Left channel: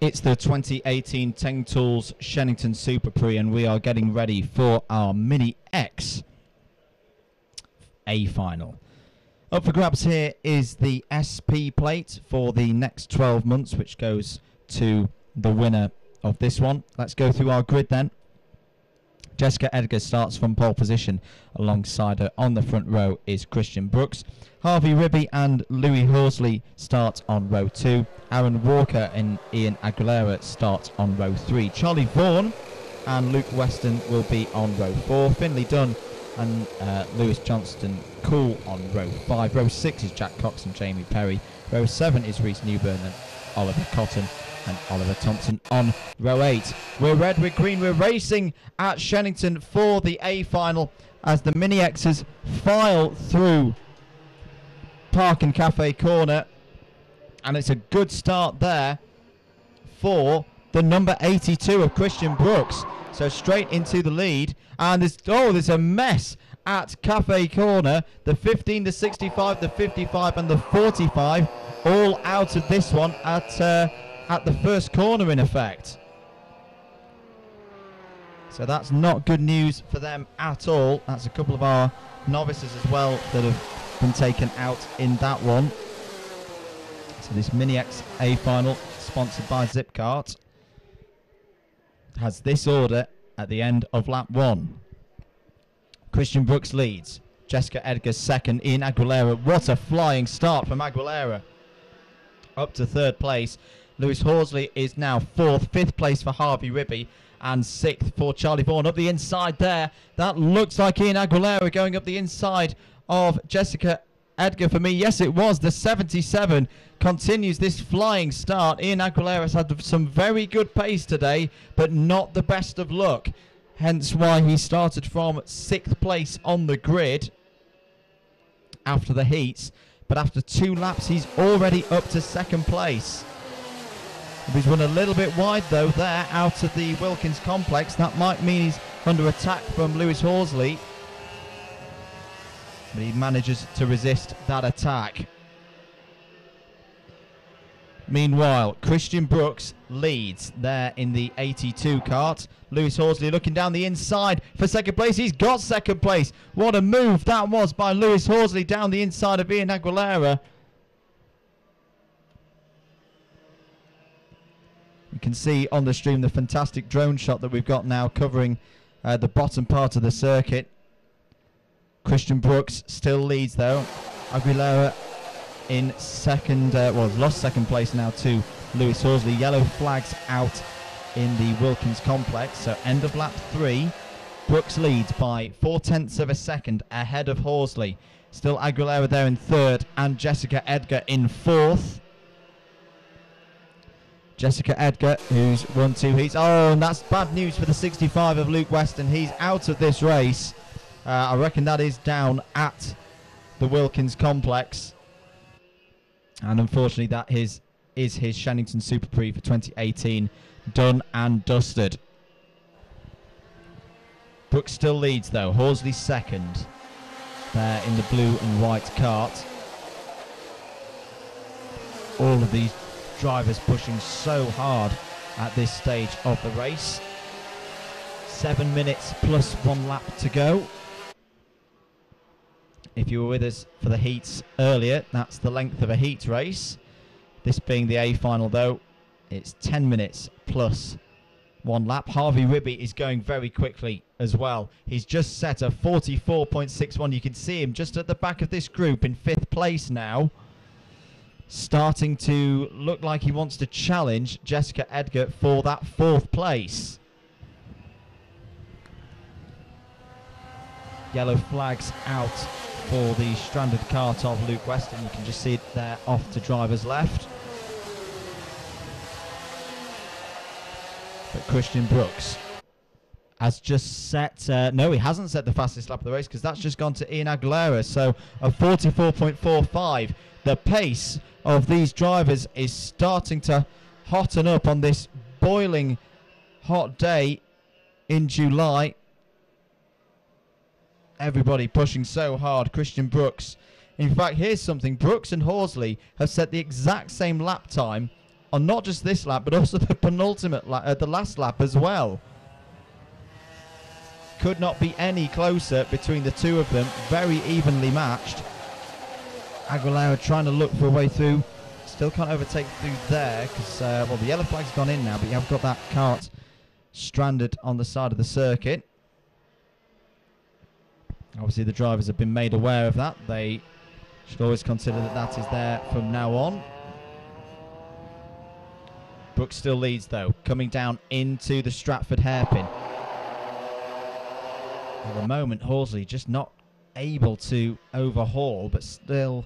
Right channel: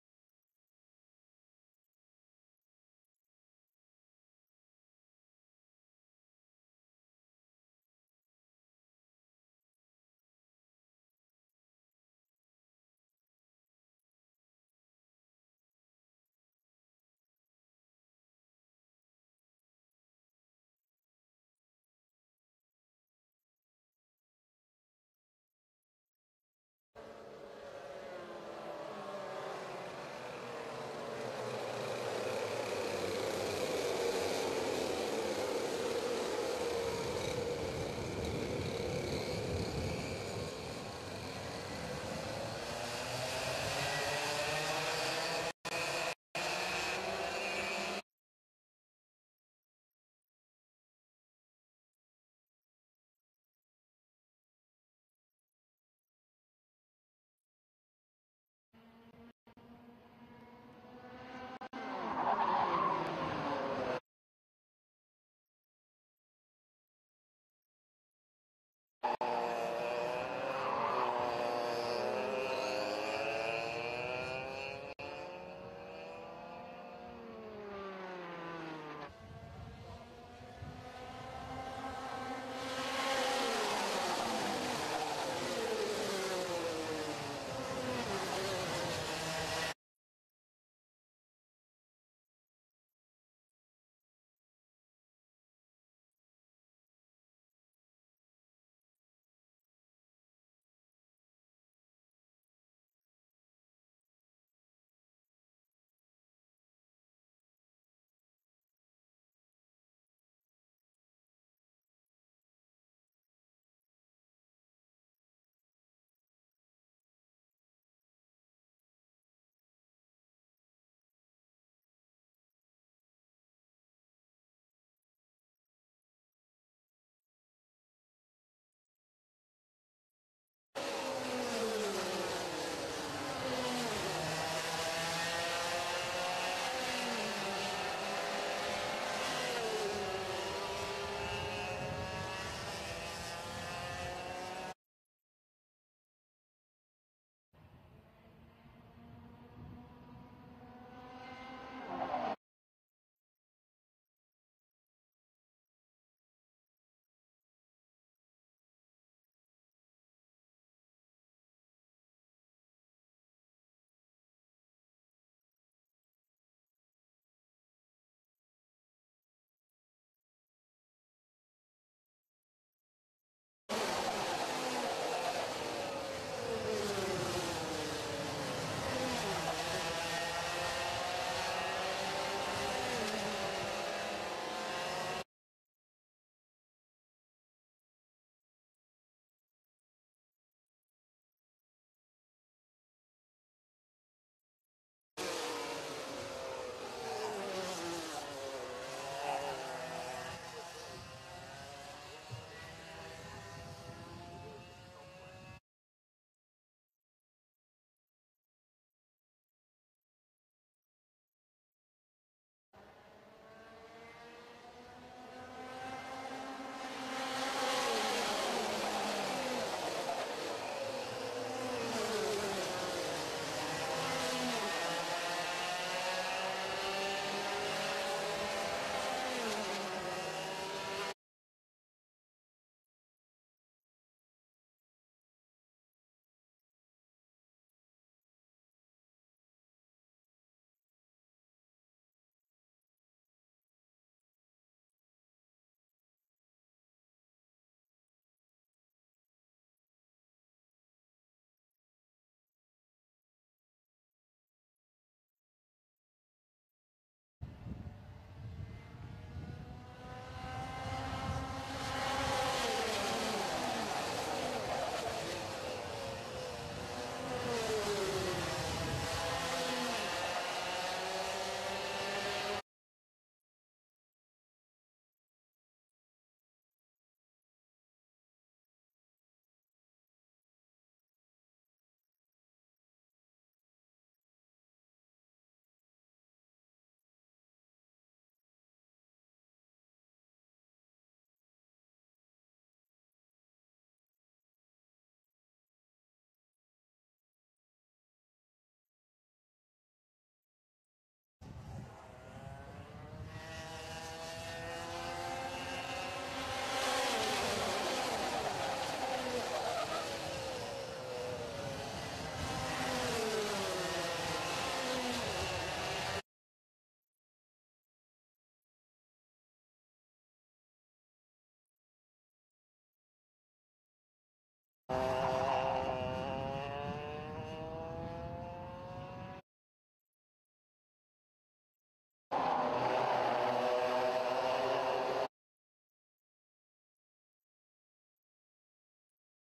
It's the 2018 Teng Tools Shenington SuperPrix, and we are getting ready for our Mini X A final. Up for grabs here is the SP plate for the next 12 months, which goes to the winner of this one. Let's go through our grid then. Jessica Edgar starts from pole position. Alongside her on the front row is Christian Brooks. Harvey Ribby and Louis Horsley start on row 2. Aaron Walker and Ian Aguilera start on row 3. Charlie Vaughan and Luke Weston will be on row 4. Finley Dunn and Lewis Johnston Cool on row 5. Row 6 is Jack Cox and Jamie Perry. Row 7 is Reece Newburn and Oliver Cotton. And Oliver Thompson on row 8. We're red, we're green, we're racing at Shenington for the A final as the Mini X's file through Park and Cafe Corner. And it's a good start there for the number 82 of Christian Brooks. So straight into the lead. And there's a mess at Cafe Corner. The 15, the 65, the 55 and the 45 all out of this one at the first corner in effect. So that's not good news for them at all. That's a couple of our novices as well that have been taken out in that one. So this Mini X A final, sponsored by Kart, has this order at the end of lap 1. Christian Brooks leads. Jessica Edgar second. Ian Aguilera. What a flying start from Aguilera. Up to third place. Lewis Horsley is now 4th, 5th place for Harvey Ribby, and 6th for Charlie Vaughan. Up the inside there, that looks like Ian Aguilera going up the inside of Jessica Edgar for me. Yes, it was. The 77 continues this flying start. Ian Aguilera's had some very good pace today, but not the best of luck. Hence why he started from 6th place on the grid after the heats. But after 2 laps, he's already up to 2nd place. He's run a little bit wide though there out of the Wilkins complex. That might mean he's under attack from Lewis Horsley. He manages to resist that attack. Meanwhile, Christian Brooks leads there in the 82 kart. Lewis Horsley looking down the inside for 2nd place. He's got 2nd place. What a move that was by Lewis Horsley down the inside of Ian Aguilera. You can see on the stream the fantastic drone shot that we've got now covering the bottom part of the circuit. Christian Brooks still leads though. Aguilera in 2nd, lost 2nd place now to Lewis Horsley. Yellow flags out in the Wilkins complex. So end of lap 3. Brooks leads by 0.4 of a second ahead of Horsley. Still Aguilera there in 3rd and Jessica Edgar in 4th. Jessica Edgar, who's run 2 heats. Oh, and that's bad news for the 65 of Luke Weston. He's out of this race. I reckon that is down at the Wilkins complex. And unfortunately, that is his Shenington SuperPrix for 2018 done and dusted. Brooks still leads though. Horsley 2nd in the blue and white kart. All of these drivers pushing so hard at this stage of the race. 7 minutes plus 1 lap to go. If you were with us for the heats earlier, that's the length of a heat race. This being the A final though, it's 10 minutes plus 1 lap. Harvey Ribby is going very quickly as well. He's just set a 44.61. You can see him just at the back of this group in 5th place now. Starting to look like he wants to challenge Jessica Edgar for that 4th place. Yellow flags out for the stranded kart of Luke Weston. You can just see it there off to driver's left. But Christian Brooks has just set, no, he hasn't set the fastest lap of the race because that's just gone to Ian Aguilera. So a 44.45. The pace of these drivers is starting to hotten up on this boiling hot day in July. Everybody pushing so hard. Christian Brooks. In fact, here's something. Brooks and Horsley have set the exact same lap time on not just this lap, but also the penultimate lap, the last lap as well. Could not be any closer between the two of them. Very evenly matched. Aguilera trying to look for a way through. Still can't overtake through there because, well, the yellow flag's gone in now, but you have got that kart stranded on the side of the circuit. Obviously, the drivers have been made aware of that. They should always consider that that is there from now on. Brooks still leads, though, coming down into the Stratford hairpin. At the moment, Horsley just not able to overhaul, but still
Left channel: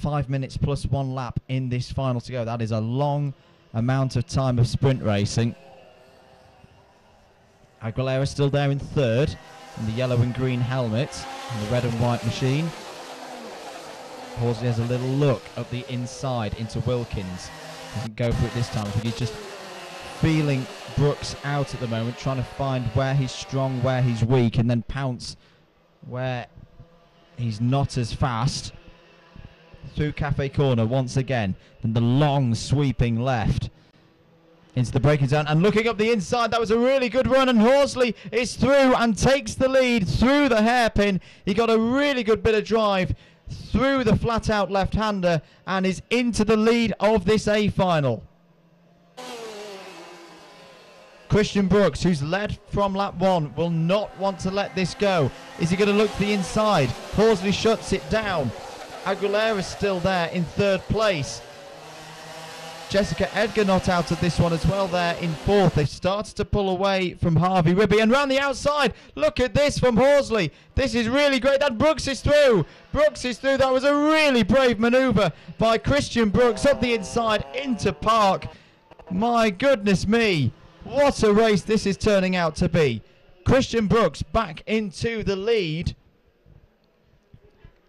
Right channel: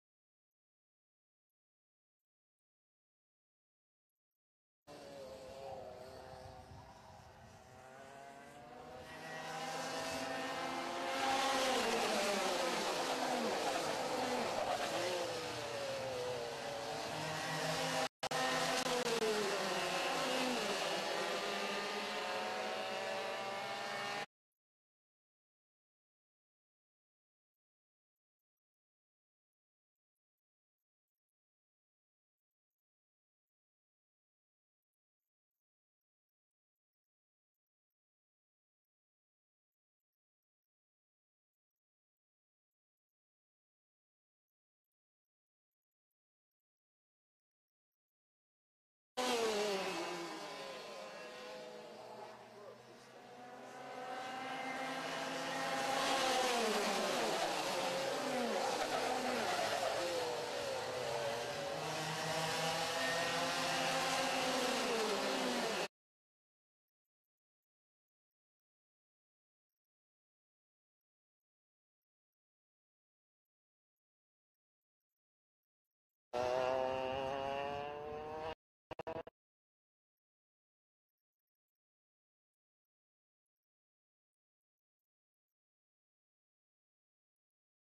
5 minutes plus 1 lap in this final to go. That is a long amount of time of sprint racing. Aguilera still there in third, in the yellow and green helmet, and the red and white machine. Horsley has a little look at the inside into Wilkins. Doesn't go for it this time, but he's just feeling Brooks out at the moment, trying to find where he's strong, where he's weak, and then pounce where he's not as fast. Through Cafe Corner once again, then the long sweeping left into the braking zone, and looking up the inside, that was a really good run, and Horsley is through and takes the lead through the hairpin. He got a really good bit of drive through the flat out left-hander and is into the lead of this A final. Christian Brooks, who's led from lap 1, will not want to let this go. Is he going to look to the inside? Horsley shuts it down. Aguilera's still there in third place. Jessica Edgar not out of this one as well there in fourth. They've started to pull away from Harvey Ribby, and round the outside, look at this from Horsley. This is really great, and Brooks is through. Brooks is through. That was a really brave manoeuvre by Christian Brooks up the inside into Park. My goodness me, what a race this is turning out to be. Christian Brooks back into the lead.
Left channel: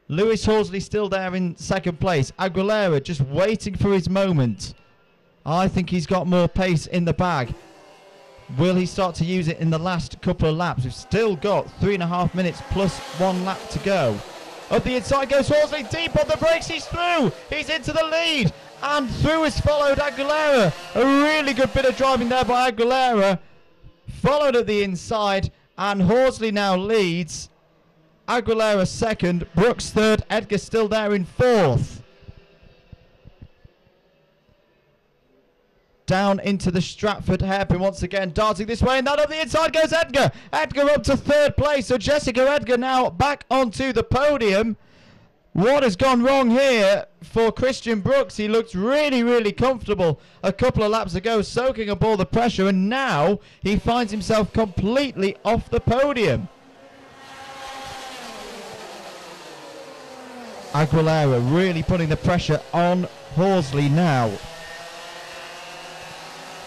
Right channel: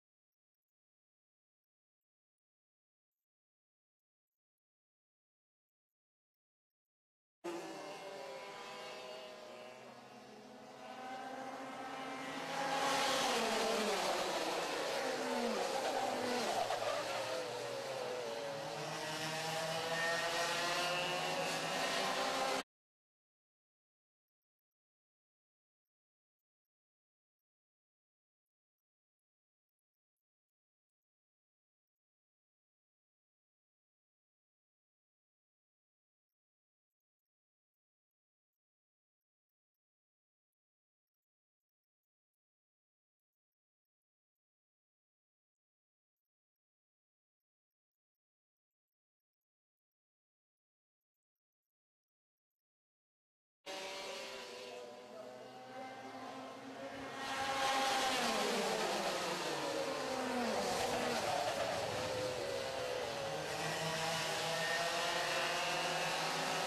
Lewis Horsley still there in second place. Aguilera just waiting for his moment. I think he's got more pace in the bag. Will he start to use it in the last couple of laps? We've still got 3.5 minutes plus 1 lap to go. Up the inside goes Horsley, deep on the brakes, he's through. He's into the lead, and through has followed Aguilera. A really good bit of driving there by Aguilera. Followed at the inside, and Horsley now leads. Aguilera second, Brooks third, Edgar still there in fourth. Down into the Stratford hairpin once again, darting this way, and that up the inside goes Edgar. Edgar up to third place, so Jessica Edgar now back onto the podium. What has gone wrong here for Christian Brooks? He looked really, really comfortable a couple of laps ago, soaking up all the pressure, and now he finds himself completely off the podium. Aguilera really putting the pressure on Horsley now.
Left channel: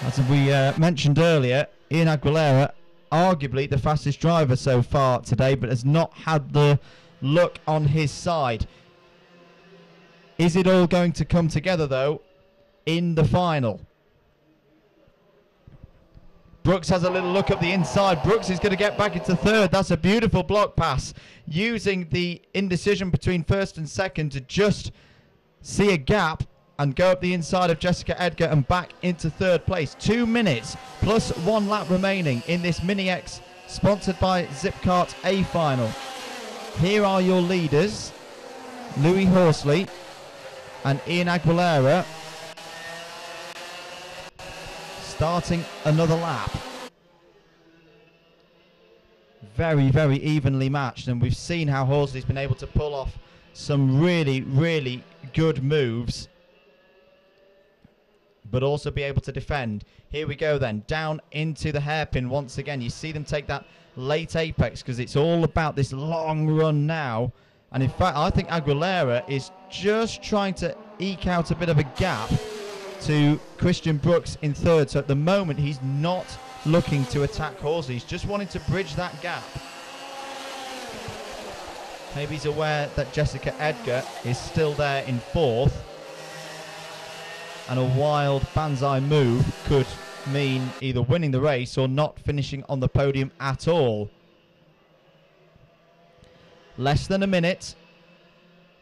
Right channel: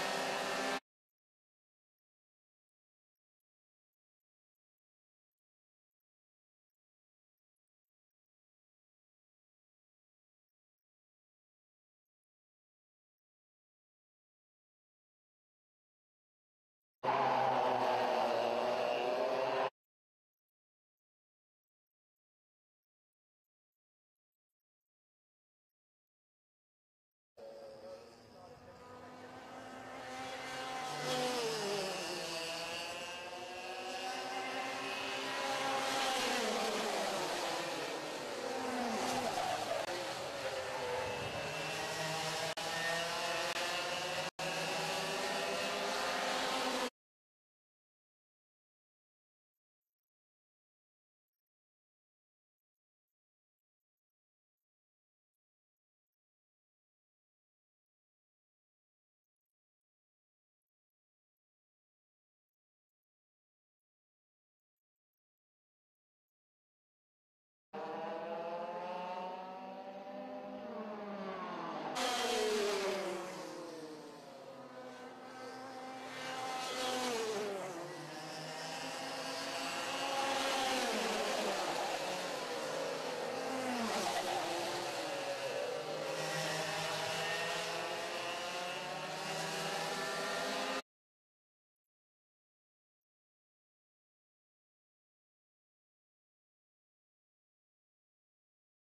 As we mentioned earlier, Ian Aguilera, arguably the fastest driver so far today, but has not had the luck on his side. Is it all going to come together, though, in the final? Brooks has a little look at the inside. Brooks is going to get back into third. That's a beautiful block pass, using the indecision between first and second to just see a gap and go up the inside of Jessica Edgar and back into third place. 2 minutes plus 1 lap remaining in this Mini X sponsored by Zipkart A final. Here are your leaders, Louis Horsley and Ian Aguilera, starting another lap. Very, very evenly matched, and we've seen how Horsley's been able to pull off some really, really good moves, but also be able to defend. Here we go then, down into the hairpin once again. You see them take that late apex because it's all about this long run now. And in fact, I think Aguilera is just trying to eke out a bit of a gap to Christian Brooks in third. So at the moment, he's not looking to attack Horsley. He's just wanting to bridge that gap. Maybe he's aware that Jessica Edgar is still there in fourth, and a wild banzai move could mean either winning the race or not finishing on the podium at all. Less than a minute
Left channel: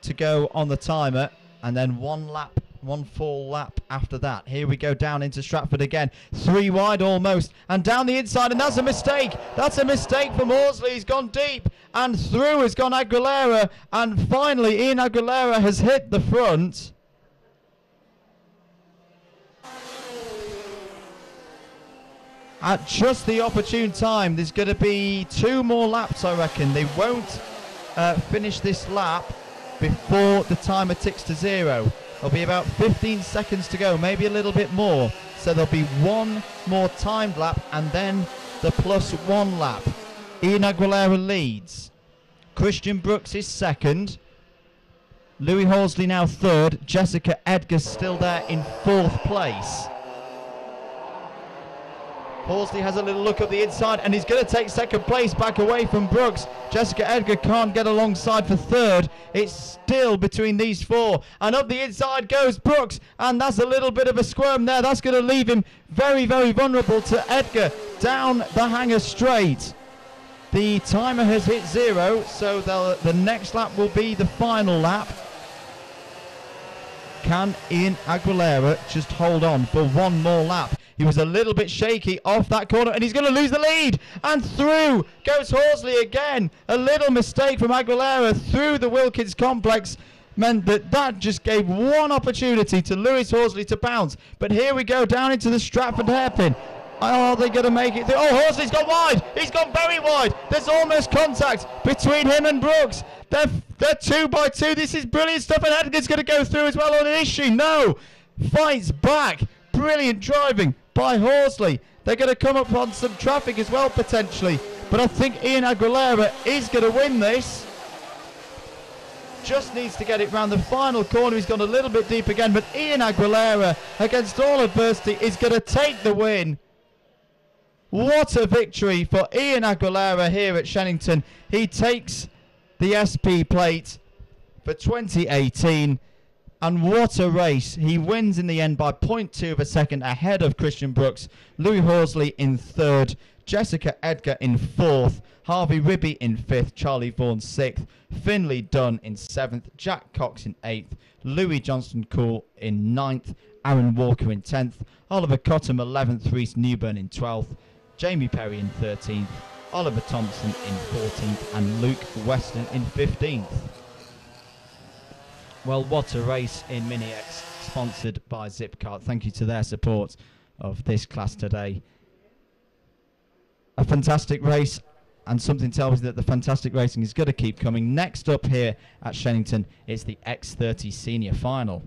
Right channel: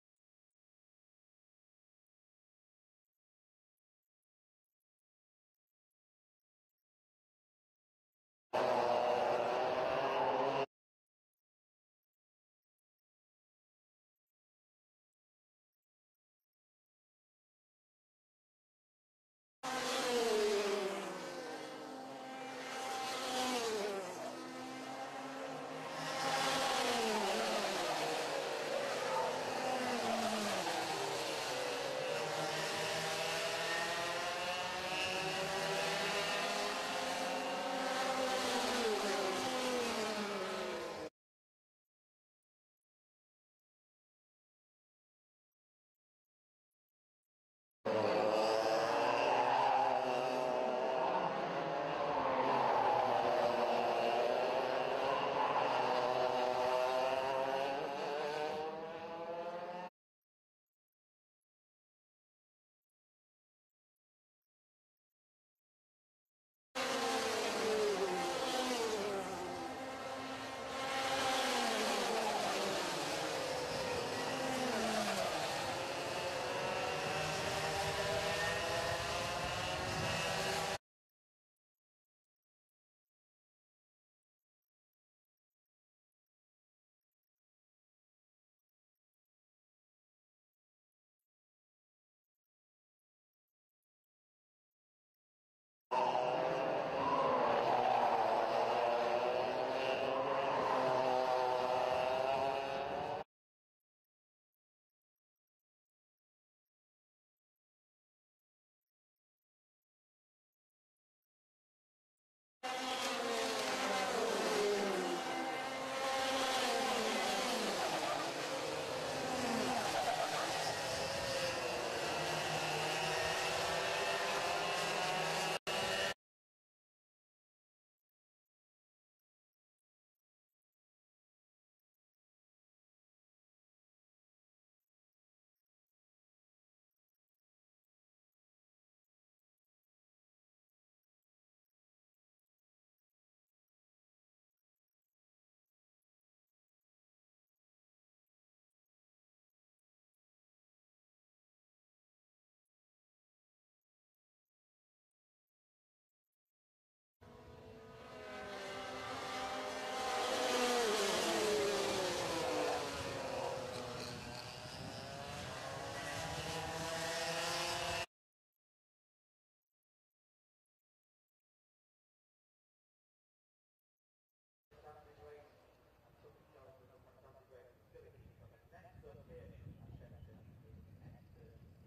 to go on the timer, and then 1 lap One full lap after that. Here we go down into Stratford again. 3 wide almost. And down the inside. And that's a mistake. That's a mistake from Horsley. He's gone deep. And through has gone Aguilera. And finally, Ian Aguilera has hit the front. At just the opportune time. There's going to be 2 more laps, I reckon. They won't finish this lap before the timer ticks to 0. There'll be about 15 seconds to go, maybe a little bit more. So there'll be 1 more timed lap and then the +1 lap. Ian Aguilera leads. Christian Brooks is second. Louis Horsley now third. Jessica Edgar still there in 4th place. Horsley has a little look at the inside and he's going to take 2nd place back away from Brooks. Jessica Edgar can't get alongside for 3rd. It's still between these 4. And up the inside goes Brooks. And that's a little bit of a squirm there. That's going to leave him very, very vulnerable to Edgar down the hanger straight. The timer has hit 0, so the next lap will be the final lap. Can Ian Aguilera just hold on for 1 more lap? He was a little bit shaky off that corner and he's going to lose the lead. And through goes Horsley again. A little mistake from Aguilera through the Wilkins complex meant that just gave 1 opportunity to Lewis Horsley to bounce. But here we go down into the Stratford hairpin. Are they going to make it? Oh, Horsley's gone wide. He's gone very wide. There's almost contact between him and Brooks. They're 2 by 2. This is brilliant stuff. And Edgar's going to go through as well on an issue. No. Fights back. Brilliant driving by Horsley. They're going to come up on some traffic as well potentially. But I think Ian Aguilera is going to win this. Just needs to get it round the final corner. He's gone a little bit deep again. But Ian Aguilera, against all adversity, is going to take the win. What a victory for Ian Aguilera here at Shenington. He takes the SP plate for 2018. And what a race. He wins in the end by 0.2 of a second ahead of Christian Brooks. Louis Horsley in 3rd. Jessica Edgar in 4th. Harvey Ribby in 5th. Charlie Vaughan 6th. Finley Dunn in 7th. Jack Cox in 8th. Louis Johnston-Cool in 9th. Aaron Walker in 10th. Oliver Cottam 11th. Reese Newburn in 12th. Jamie Perry in 13th. Oliver Thompson in 14th. And Luke Weston in 15th. Well, what a race in Mini X, sponsored by Zipkart. Thank you to their support of this class today. A fantastic race, and something tells me that the fantastic racing is going to keep coming. Next up here at Shenington is the X30 Senior Final.